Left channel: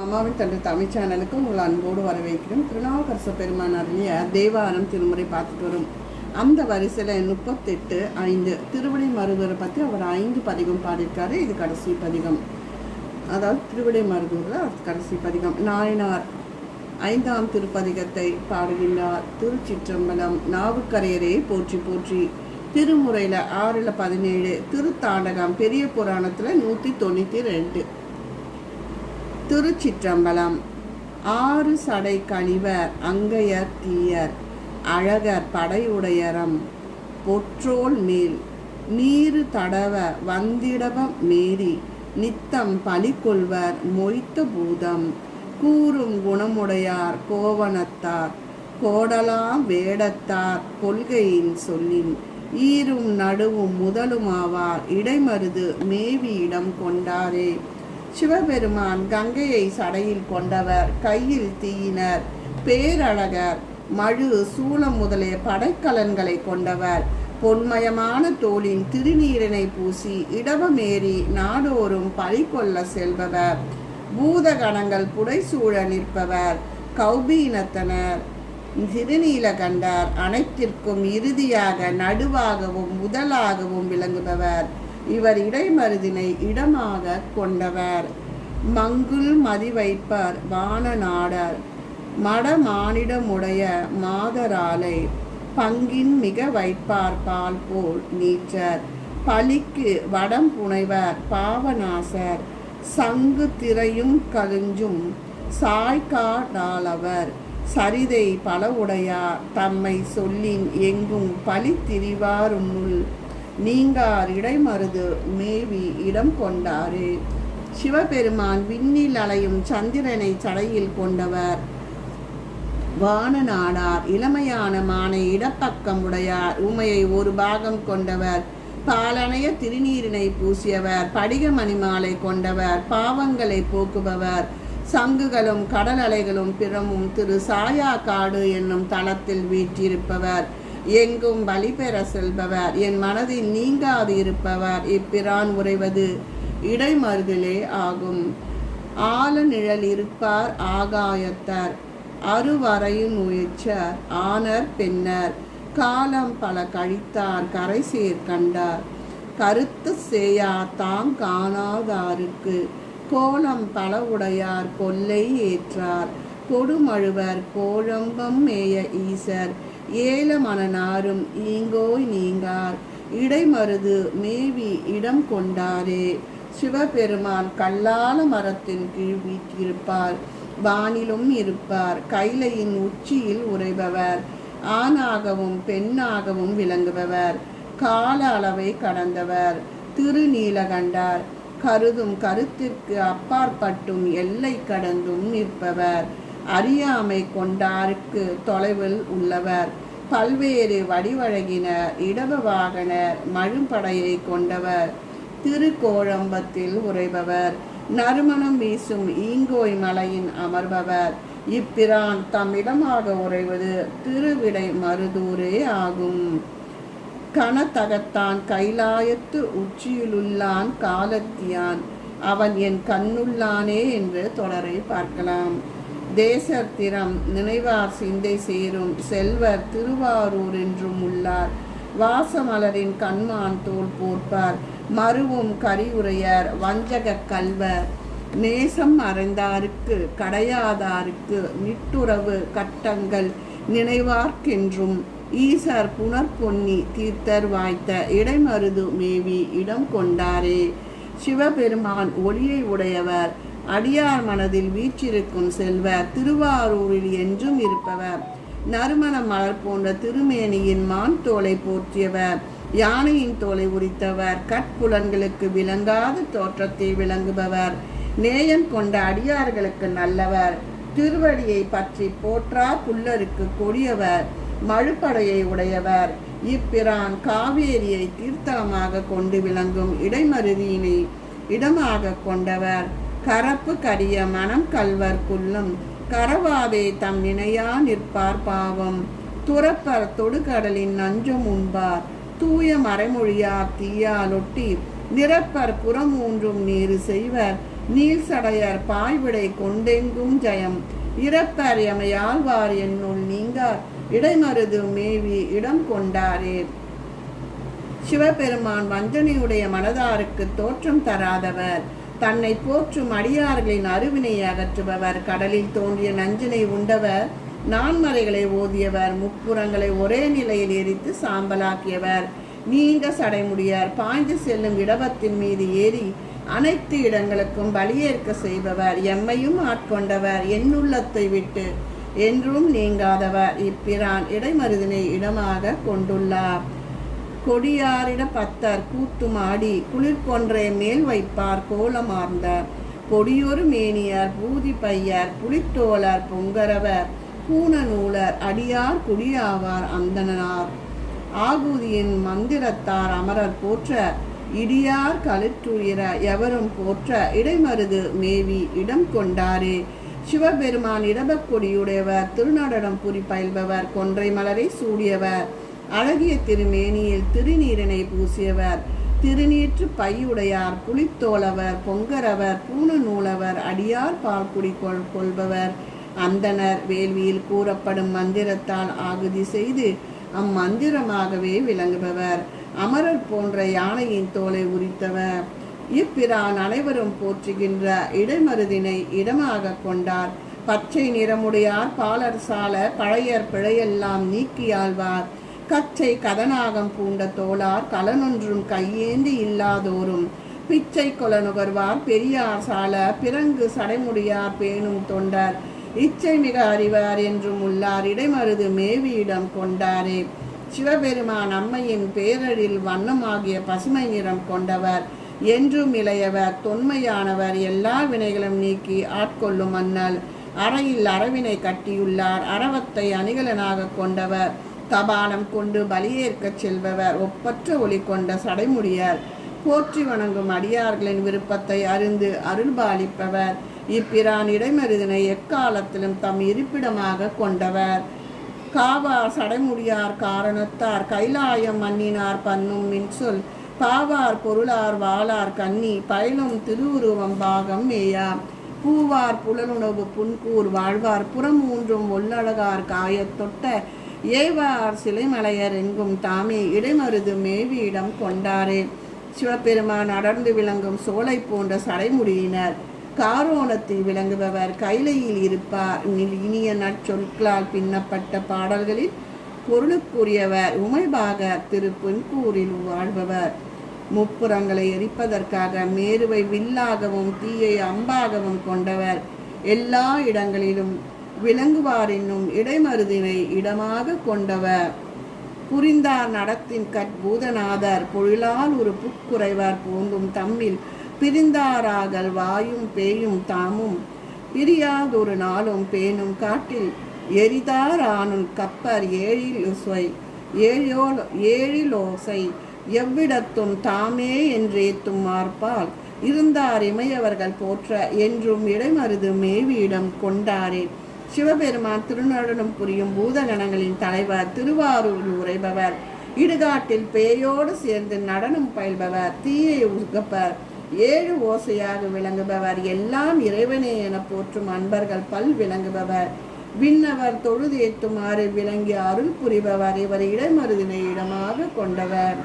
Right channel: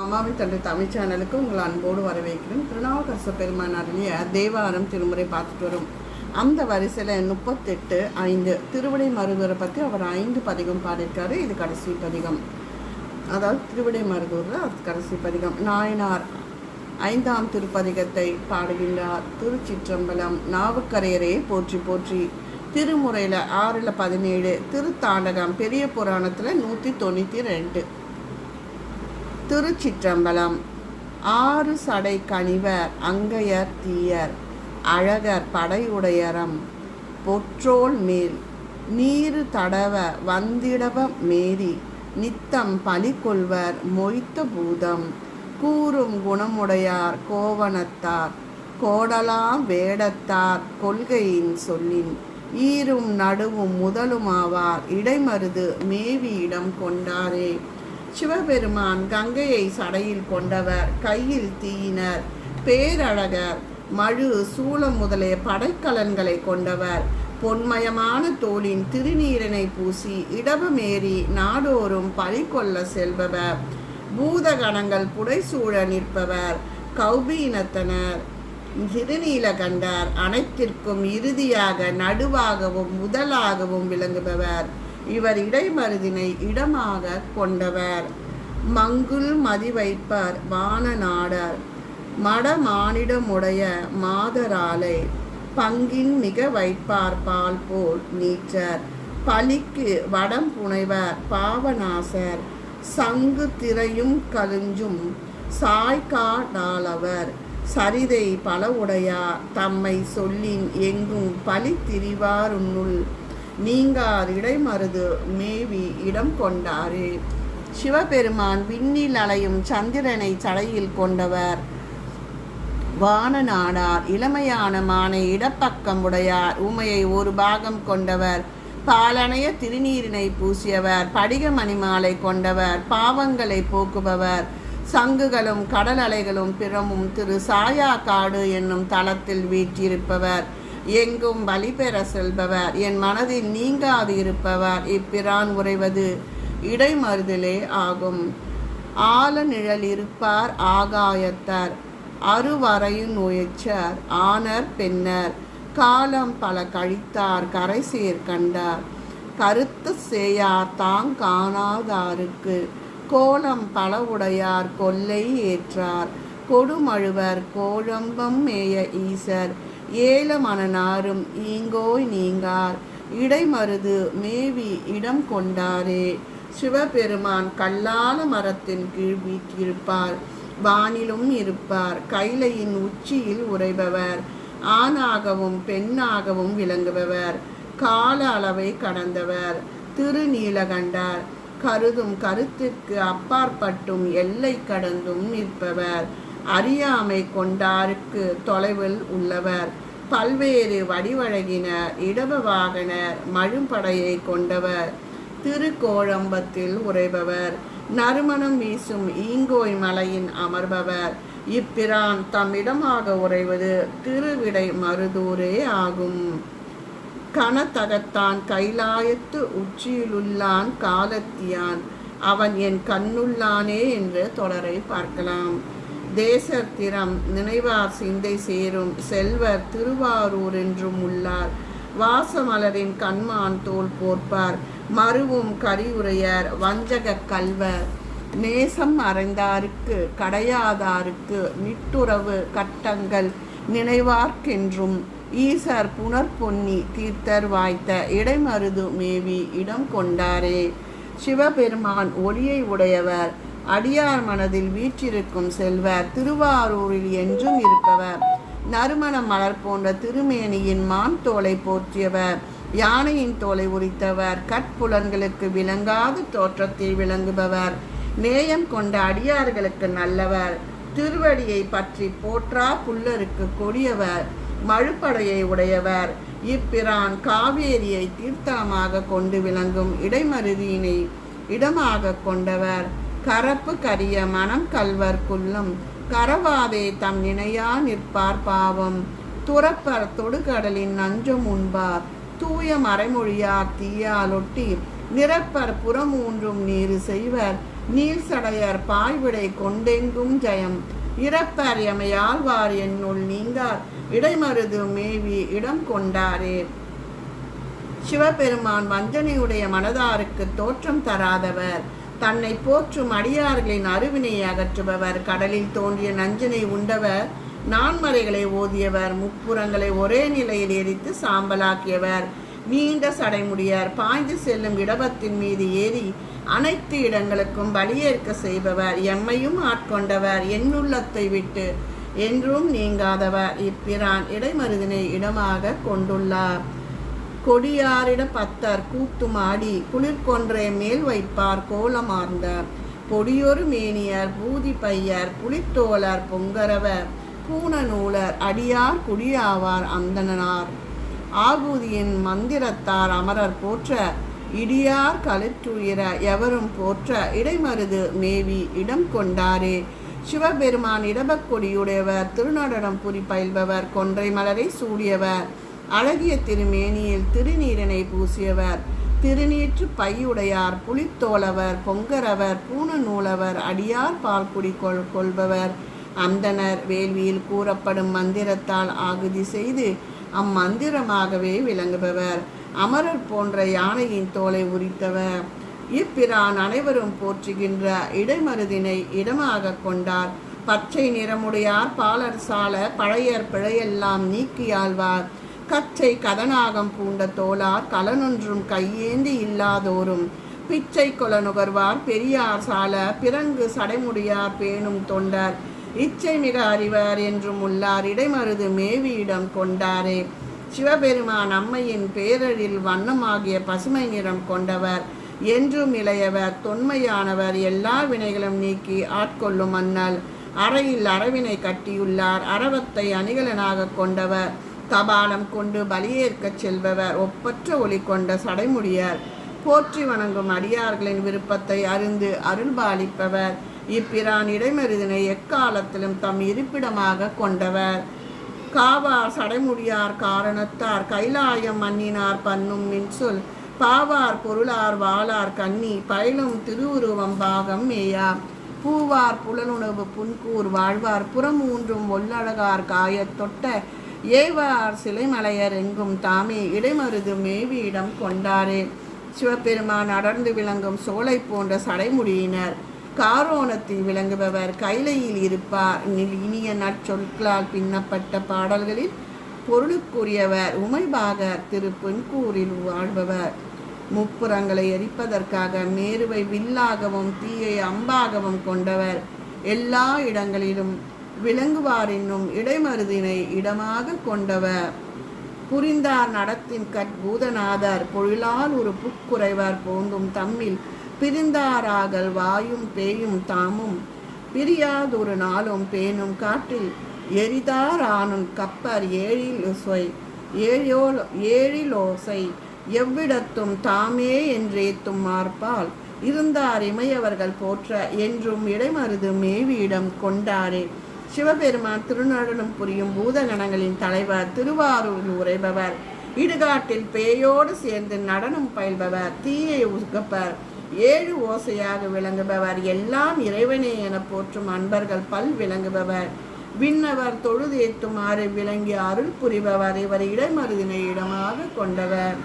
அம்மாவின் தந்தை தமிழ் சேனலுக்கு உங்கள் அன்போடு வரவேற்கிறோம். திருநாவுக்கரசு பெருமான் அருளிய தேவாரம் திருமுறை பார்த்துட்டு வரும். அந்த வரிசையில் 38:5 திருவிடை மருதூரை பற்றி அவர் 5 பதிகம் பாடியிருக்காரு. இது கடைசி பதிகம், அதாவது திருவிடை மருதூரில் கடைசி பதிகம். நாயனார் 5ஆம் திருப்பதிகத்தை பாடுகின்றார். திருச்சிற்றம்பலம். நாவுக்கரையரே போற்றி போற்றி. திருமுறையில் 6:17 திருத்தாண்டகம் பெரிய புராணத்தில் 192. திருச்சிற்றம்பலம். 6 சடை கணிவர் அங்கையர் தீயர் அழகர் படையுடையரம் பொற்றோல் மேல் நீரு தடவ வந்திடவ மேரி நித்தம் பலிகொள்வர் மொய்த்த பூதம் கூறும் குணமுடையார் கோவணத்தார் கோடலாம் வேடத்தார் கொள்கையின் சொல்லின் ஈரும் நடுவும் முதலுமாவார் இடைமருது மேவி இடம் கொண்டாரே. சிவபெருமான் கங்கையை சடையில் கொண்டவர், கையில் தீயினர், பேரழகர், மழு சூலம் முதலிய படைக்கலன்களை கொண்டவர், பொன்மயமான தோளின் திருநீரினை பூசி இடவமேறி நாடோறும் பறிகொள்ள செல்பவர், பூதகணங்கள் புடைசூழ நிற்பவர், கௌபீனத்தனர், திருநீலகண்டர், அனைத்திற்கும் இறுதியாக நடுவாகவும் முதலாகவும் விளங்குபவர். இவர் இடைமருதினை இடமாக கொண்டவர். மங்குல் மதி வைப்பர் வானநாடர் மடமானிடமுடைய மாதராலை பங்கின் மிக வைப்பார் பால் போல் நீச்சர் பலிக்கு வடம் புனைவர் பாவநாசர் சங்கு திரையும் கழுஞ்சும் சாய்காடாளவர் சரிதை பல உடையார் தம்மை சொல்லின் எங்கும் பலி திரிவாருன்னுள் நீங்கார் இடைமருது மேவி இடம் கொண்டாரே. சிவபெருமான் விண்ணில் அலையும் சந்திரனை சடையில் கொண்டவர், வானநாடார் இளமையான மானை இடப்பக்கம் உடையார், உமையை ஒரு பாகம் கொண்டவர், பாலனைய திருநீரினை பூசியவர், படிக மணிமாலை கொண்டவர், பாவங்களை போக்குபவர், சங்குகளும் கடல் அலைகளும் பிறமும் திரு சாயா காடு என்னும் தளத்தில் வீற்றிருப்பவர், எங்கும் பலி பெற செல்பவர், என் மனதில் நீங்காது இருப்பவர், இப்பிரான் உறைவது இடைமருதிலே ஆகும். ஆல நிழல் இருப்பார் ஆகாயத்தர் அருவரையும் உயர்ச்சர் ஆனர் பெண்ணர் காலம் பல கழித்தார் கரை சேர் கண்டார் கருத்து சேயார் தாங் காணாதாருக்கு கோலம் பல உடையார் கொல்லை ஏற்றார் கொடுமழுவர் கோழம்பம் மேய ஈசர் ஏல மனநாரும் ஈங்கோய் நீங்கார் இடைமருது மேவி இடம் கொண்டாரே. சிவபெருமான் கல்லால மரத்தின் கீழ் வீற்றிருப்பார், வானிலும் இருப்பார், கைலையின் உச்சியில் உறைபவர், ஆணாகவும் பெண்ணாகவும் விளங்குபவர், கால அளவை கடந்தவர், திருநீலகண்டர் கருதும் கருத்திற்கு அப்பாற்பட்டும் எல்லை கடந்தும் நிற்பவர், அறியாமை கொண்டாருக்கு தொலைவில் உள்ளவர், பல்வேறு வடிவழகினர், இடப வாகனர், மழும்படையை கொண்டவர், திருக்கோழம்பத்தில் உறைபவர், நறுமணம் வீசும் ஈங்கோய் மலையின் அமர்பவர், இப்பிரான் தம்மிடமாக உறைவது திருவிடை மருதூரே ஆகும். கனதகத்தான் கைலாயத்து உச்சியிலுள்ளான் காலத்தியான் அவன் என் கண்ணுள்ளானே என்று தொடரை பார்க்கலாம். தேசர் திறம் நினைவார் சிந்தை சேரும் செல்வர் திருவாரூர் என்றும் உள்ளார், வாசமலரின் கண்மான் தோல் போர்ப்பார், மருவும் கரியுரையர் வஞ்சக கல்வர், நேசம் அறைந்தாருக்கு கடையாதாருக்கு நிட்டுறவு கட்டங்கள் நினைவார்க்கென்றும் ஈசர் புனர்பொன்னி தீர்த்தர் வாய்த்த இடைமருது மேவி இடம் கொண்டாரே. சிவபெருமான் ஒளியை உடையவர், அடியார் மனதில் வீற்றிருக்கும் செல்வர், திருவாரூரில் என்றும் இருப்பவர், நறுமண மலர் போன்ற திருமேனியின் மான் தோலை போற்றியவர், யானையின் தோலை உரித்தவர், கட்புலன்களுக்கு விளங்காத தோற்றத்தை விளங்குபவர், நேயம் கொண்ட அடியார்களுக்கு நல்லவர், திருவடியை பற்றி போற்றா புல்லருக்கு கொடியவர், மழுப்படையை உடையவர், இப்பிரான் காவேரியை தீர்த்தமாக கொண்டு விளங்கும் இடைமருதியினை இடமாக கொண்டவர், கரப்பு கரிய மனம் கல்வர் குள்ளும் கரவாதே தம் நினையா நிற்பார் பாவம், துறப்பர் தொடுகடலின் நஞ்சம் உண்பார், தூய மறைமொழியார் தீயாலொட்டி நிரப்பர் புறமூன்றும் நீரு செய்வர், நீல் சடையர் பாய்விடை கொண்டெங்கும் ஜெயம் இறப்பர் எமையாழ்வார் என்னுள் நீங்கார் இடைமருது மேவி இடம் கொண்டாரே. சிவபெருமான் வஞ்சனையுடைய மனதாருக்கு தோற்றம் தராதவர், தன்னை போற்றும் அடியார்களின் அருவினை அகற்றுபவர், கடலில் தோன்றிய நஞ்சினை உண்டவர், நான்மறைகளை ஓதியவர், முப்புறங்களை ஒரே நிலையில் எரித்து சாம்பலாக்கியவர், நீண்ட சடைமுடியர், பாய்ந்து செல்லும் இடபத்தின் மீது ஏறி அனைத்து இடங்களுக்கும் பலியேற்க செய்பவர், எம்மையும் ஆட்கொண்டவர், என்னுள்ளத்தை விட்டு என்றும் நீங்காதவர், இப்பிரான் இடைமருதினை இடமாக கொண்டுள்ளார். கொடியாரிட பத்தர் கூத்துமாடி குளிர்கொன்றை மேல் வைப்பார் கோலமார்ந்த பொடியொரு மேனியர் பூதி பையர் புலித்தோழர் பொங்கரவர் பூணநூலர் அடியார் குடியாவார் அந்தனார் ஆகுதியின் மந்திரத்தார் அமரர் போற்ற இடியார் களிற்றுயிர எவரும் போற்ற இடைமருது மேவி இடம் கொண்டாரே. சிவபெருமான் இடபக்கொடியுடையவர், திருநடனம் புரி பயில்பவர், கொன்றை மலரை சூடியவர், அழகிய திருமேனியில் திருநீரனை பூசியவர், திருநீற்று பையுடையார், புலித்தோழவர், பொங்கரவர், பூணநூலவர், அடியார் பால்குடி கொள்பவர், அந்தனர், வேள்வியில் கூறப்படும் மந்திரத்தால் ஆகுதி செய்து அம்மந்திரமாகவே விளங்குபவர், அமரர் போன்ற யானையின் தோலை உரித்தவர். இப்பிரான் அனைவரும் போற்றுகின்ற இடைமருதினை இடமாக கொண்டார். பச்சை நிறமுடையார் பாலர் சால பழையர் பிழையெல்லாம் நீக்கியாழ்வார், கச்சை கதனாகம் பூண்ட தோளார் கலனொன்றும் கையேந்தி இல்லாதோரும், பிச்சை கொல நுகர்வார் பெரியார் சால பிறங்கு சடைமுடியார் பேணும் தொண்டர், இச்சை மிக அறிவார் என்றும் உள்ளார் இடைமருது மேவியிடம் கொண்டாரே. சிவபெருமான் அம்மையின் பேரழில் வண்ணமாகிய பசுமை நிறம் கொண்டவர், என்றும் இளையவர், தொன்மையானவர், எல்லா வினைகளும் நீக்கி ஆட்கொள்ளும் மன்னல், அறையில் அரவினை கட்டியுள்ளார், அரவத்தை அணிகலனாக கொண்டவர், தபாலம் கொண்டு பலியேற்கச் செல்பவர், ஒப்பற்ற ஒளி கொண்ட சடைமுடியார், போற்றி வணங்கும் அடியார்களின் விருப்பத்தை அறிந்து அருள்பாலிப்பவர், இப்பிரான் இடைமருதினை எக்காலத்திலும் தம் இருப்பிடமாக கொண்டவர். காவார் சடைமுடியார் காரணத்தார் கைலாயம் மன்னினார் பன்னும் மின்சொல், பாவார் பொருளார் வாளார் கன்னி பயிலும் திருவுருவம் பாகம் மேயா, பூவார் புலனுணவு புன்கூர் வாழ்வார் புறமூன்றும் ஒல்லழகார் காயத் தொட்ட, ஏவார் சிலைமலையர் எங்கும் தாமே இடைமருது மேவியிடம் கொண்டாரே. சிவபெருமான் அடர்ந்து விளங்கும் சோலை போன்ற சடைமுடியினர், காரோணத்தில் விளங்குபவர், கைலையில் இருப்பார், இனிய நற்சொற்களால் பின்னப்பட்ட பாடல்களில் பொருளுக்குரியவர், உமைபாகர் திருப்பெண்கூரில் வாழ்பவர், முப்புறங்களை எரிப்பதற்காக மேருவை வில்லாகவும் தீயை அம்பாகவும் கொண்டவர், எல்லா இடங்களிலும் விளங்குவார் இடைமருதினை இடமாக கொண்டவர், புரிந்தார் நடத்தின் கட்பூதநாதர், பொழிலால் ஒரு புக்குறைவார் போந்தும் தம்மில் பிரிந்தாராகல் வாயும் பேயும் தாமும், பிரியாதொரு நாளும் பேணும் காட்டில் எரிதார் ஆனும் கப்பர் ஏழிலோசை எவ்விடத்தும் தாமே என்றேத்தும் மார்பால், இருந்தார் இமையவர்கள் போற்ற என்றும் இடைமருது மேவியிடம் கொண்டாரே. சிவபெருமான் திருநடனம் புரியும் பூதகணங்களின் தலைவர், திருவாரூரில் உரைபவர், இடுகாட்டில் பேயோடு சேர்ந்து நடனம் பயில்பவர், தீயை உகப்பர், ஏழு ஓசையாக விளங்குபவர், எல்லாம் இறைவனே என போற்றும் அன்பர்கள் பல் விளங்குபவர், விண்ணவர் தொழுதேத்துமாறு விளங்கி அருள் புரிபவர், இவர் இடைமருதினை இடமாக கொண்டவர்.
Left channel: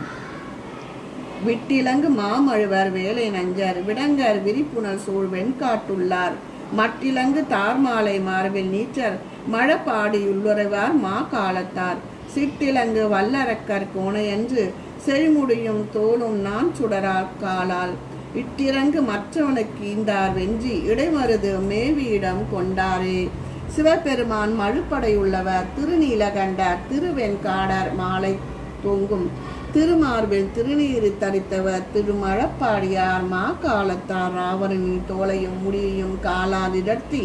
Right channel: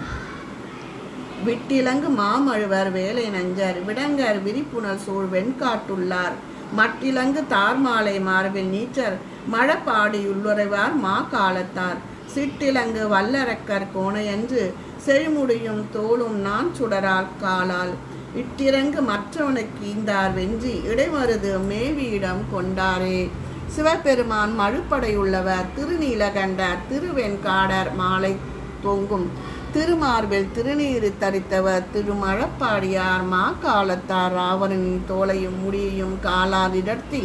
விட்டிலங்கு மாமழுவர் வேலை நஞ்சர், விடங்கர் விரிப்புணல் சூழ் வெண்காட்டுள்ளார், மட்டிலங்கு தார்மாலை மார்பில் நீச்சர் மழப்பாடியுள்ளுறைவார் மா காலத்தார், சிட்டிலங்கு வல்லரக்கர் கோணையன்று செழிமுடியும் தோளும் நான் சுடரால் காலால், இட்டிறங்கு மற்றவனுக்கு ஈந்தார் வென்றி இடைமருது மேவியிடம் கொண்டாரே. சிவபெருமான் மழுப்படையுள்ளவர், திருநீலகண்டர், திருவெண்காடர் மாலை தொங்கும் திருமார்பில் திருநீறு தரித்தவர், திருமழப்பாடியார் மா காலத்தார், ராவணனின் தோலையும் முடியையும் காலால் இடர்த்தி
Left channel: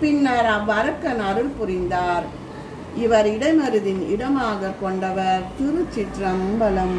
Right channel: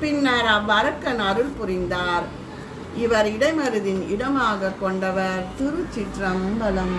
பின்னர் அவ்வரக்கன் அருள் புரிந்தார். இவர் இடைமருதின் இடமாக கொண்டவர். திருச்சிற்றம்பலம்.